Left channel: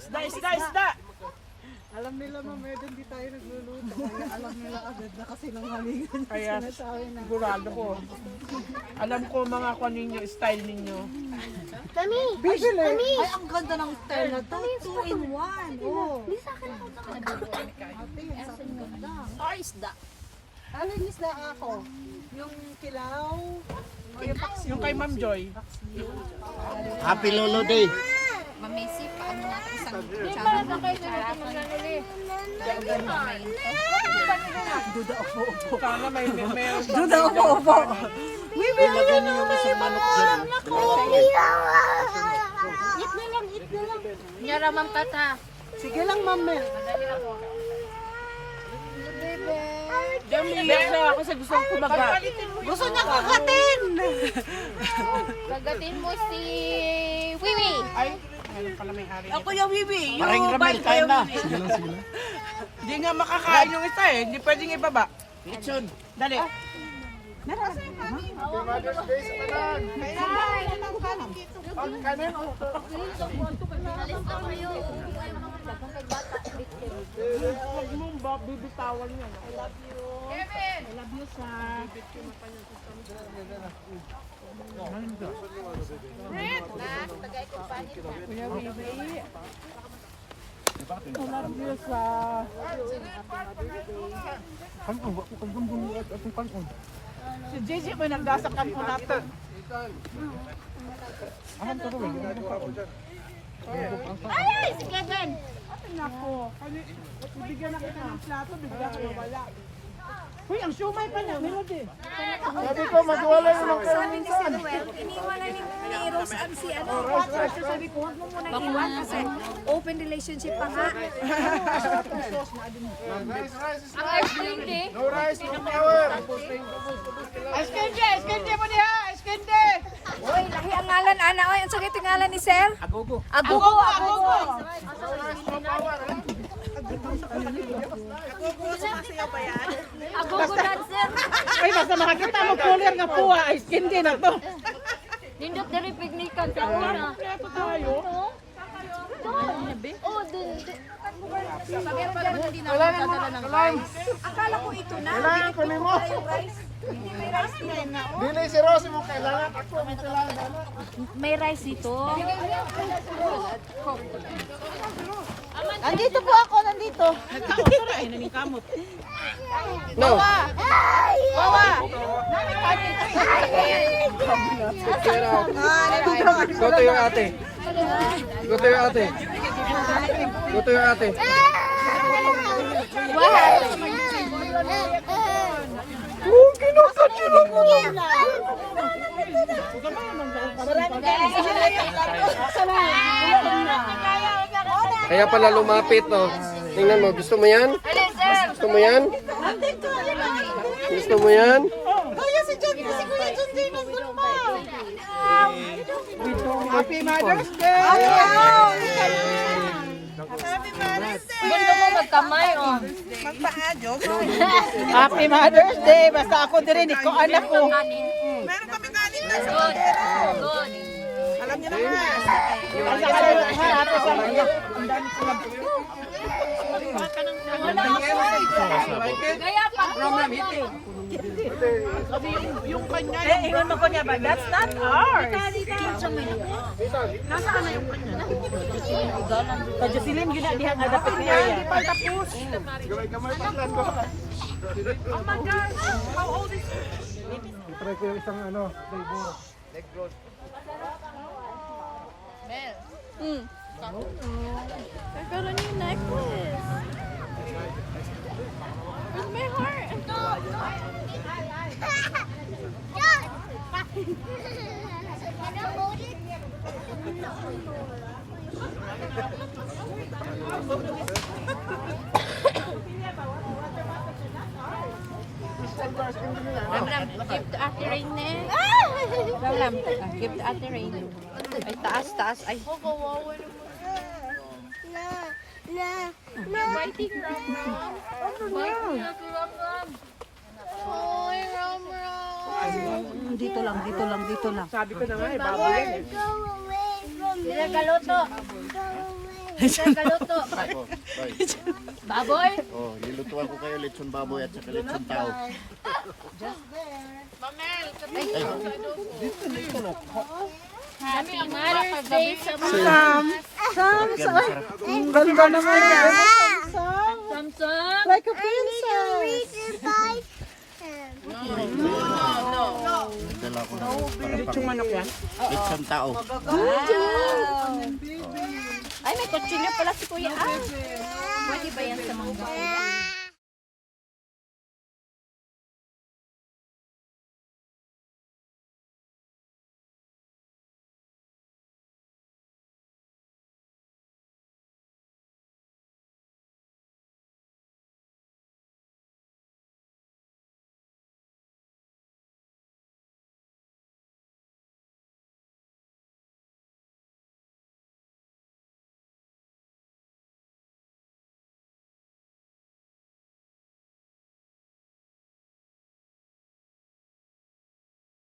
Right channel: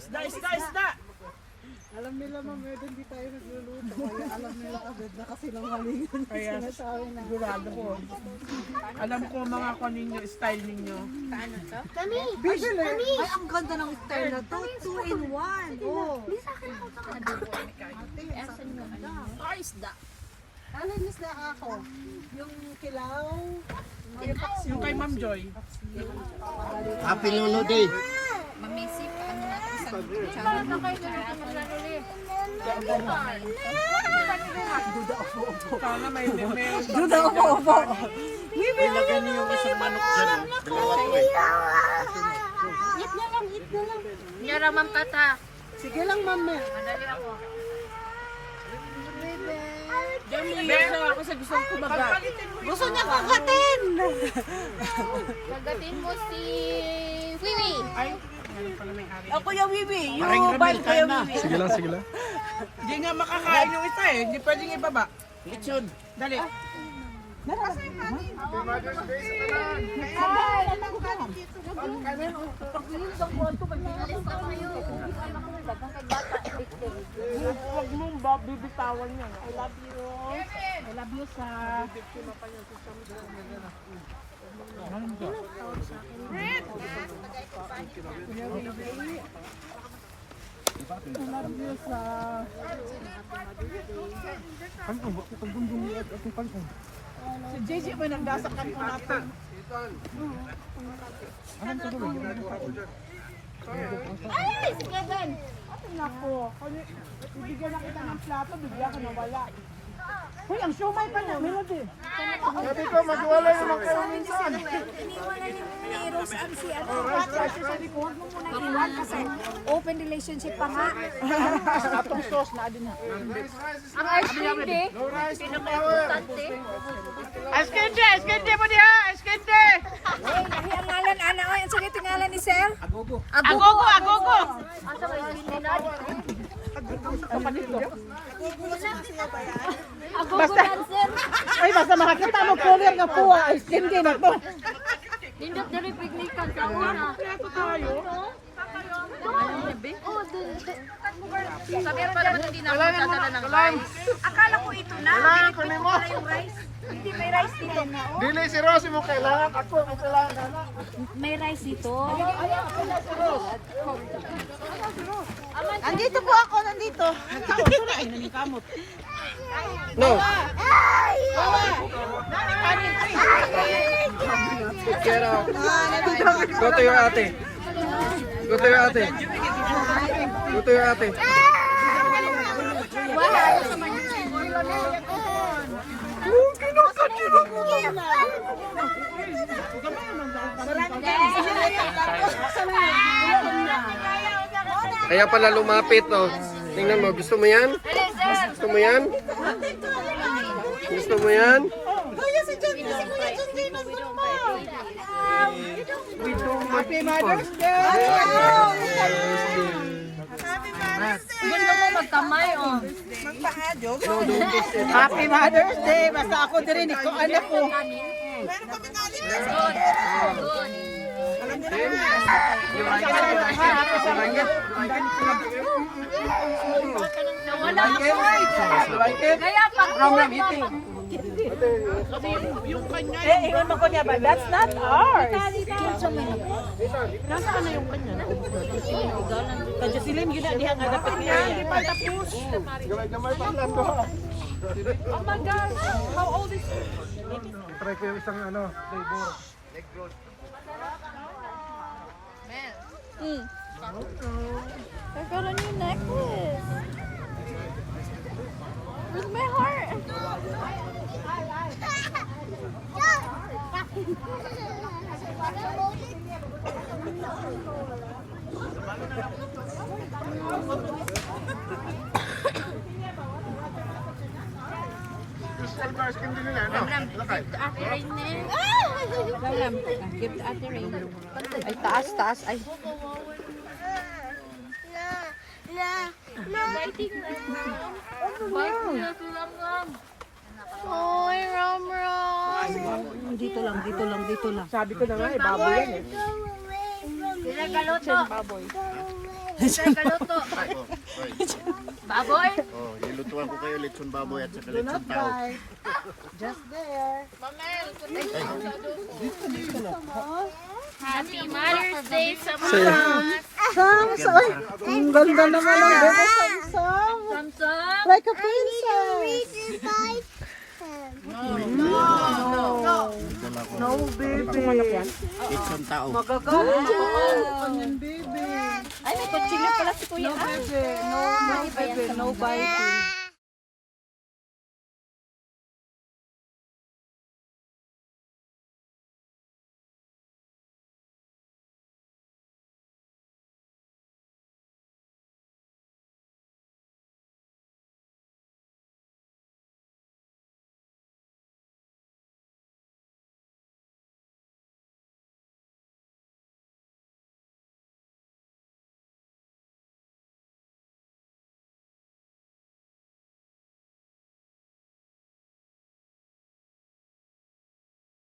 Isda! Alam nila mamaya hindi tayo nagluluto. Kaya alam nila agad na kasi lang halingan. Kaya sigurado ko. Alam ko mga kung ninyo, style ninyo. Bibili! Ay, ang ganda ng style na to. 2 in 1. Oh. Ate, ang ganda. Or isda. Ano yung isda ako? Yung kilaw. Yung kay Ma'am Joy. Happy Lolo Day. Mamisi, paano natin isang kutsara na kutsaraton. Sana may Duda upo. Bibili ka naman may pangalan na ko. Eat na lang. Nyara man kata. Sige lang, mami. Umiiyak na ako sa gustong kumagat. Gusto niya kagatin. Pagdating mo si Wiwi. Ay, ngayon pala may hari. Ako yung bibi. Maring Ramil, kain na. Sige lang. Hindi nga makakain yung isa eh. Hindi pwedeng ibaba. Lechon. Dali. Si JJ may nagdasakan po natin. Ay, si Kevin. Ate nako. Bibigyan na kita ng plato, bigyan ka nawala. Uy, ang siomay pa niya, Melody. Sabi ko, magwala yung Sabi ni Samuel, iniwala ni Rose Ann si Roger, sabi ko, huwag mo munang iwan kasi open relationship pa nga. Eskende mo niya! Eskende! Uy, lahi ang ngalan, Ana. Uy, ang sakit yung ngalan ni Sir. Agogo! Agogo dancer. Ay, basta makakita mo kulir ng puwa, eskende na to. Nindot dari pignikan sa una. Ito tayo. Oh, sabi pa naman hindi na ako dadala ng rice. Akala ko ito na. Hindi ko pala yung rice. Hindi may rice dito. Dili si Rosy mo kailangan. Ako, may kailangan. May rice dito. Nandito po ako, nandito. Ay, nanikamot. No. Go to your ate. Go to your ate. Go to your ate. Kaya pala lumapit, no? Tingnan mo, gusto mo yan? Gusto mo yan? Gusto mo yan? Kuya si Kuya John J. nandun pa. Happy Mother's Day! Gusto ko magkamay, oh. Happy Mother's Day! Basta ako din ko anak ko. Meron kami kanin na sa Alam niyo na. Kaya pag Yung kanya, ingon mo ko niya ba? That's not ours. nasaan na yung kanya? Kajusilin gina diha nga dapat niya. Try ko yung isang flavor. nagkaroon yung necklace. With my heart. Give to Ate Rain na. Give to Ate Rain. Ay, taas. Ay, biting Ram Ram. Biting Ram Ram. Hoy, Ram Ram. Dito lang. Sabi ko na nga, baboy yan eh. Pinagaloto. Baboy? Oh, nilutuan ko kayo lechon baboy at saka lechon tao. Galing-galing na guys. Samsung? Like a princess. Dala ko Lechong manok yan. lechon tao. Ay, may kutsilyo pala si Kuya. Pwede ba yan sa mobile?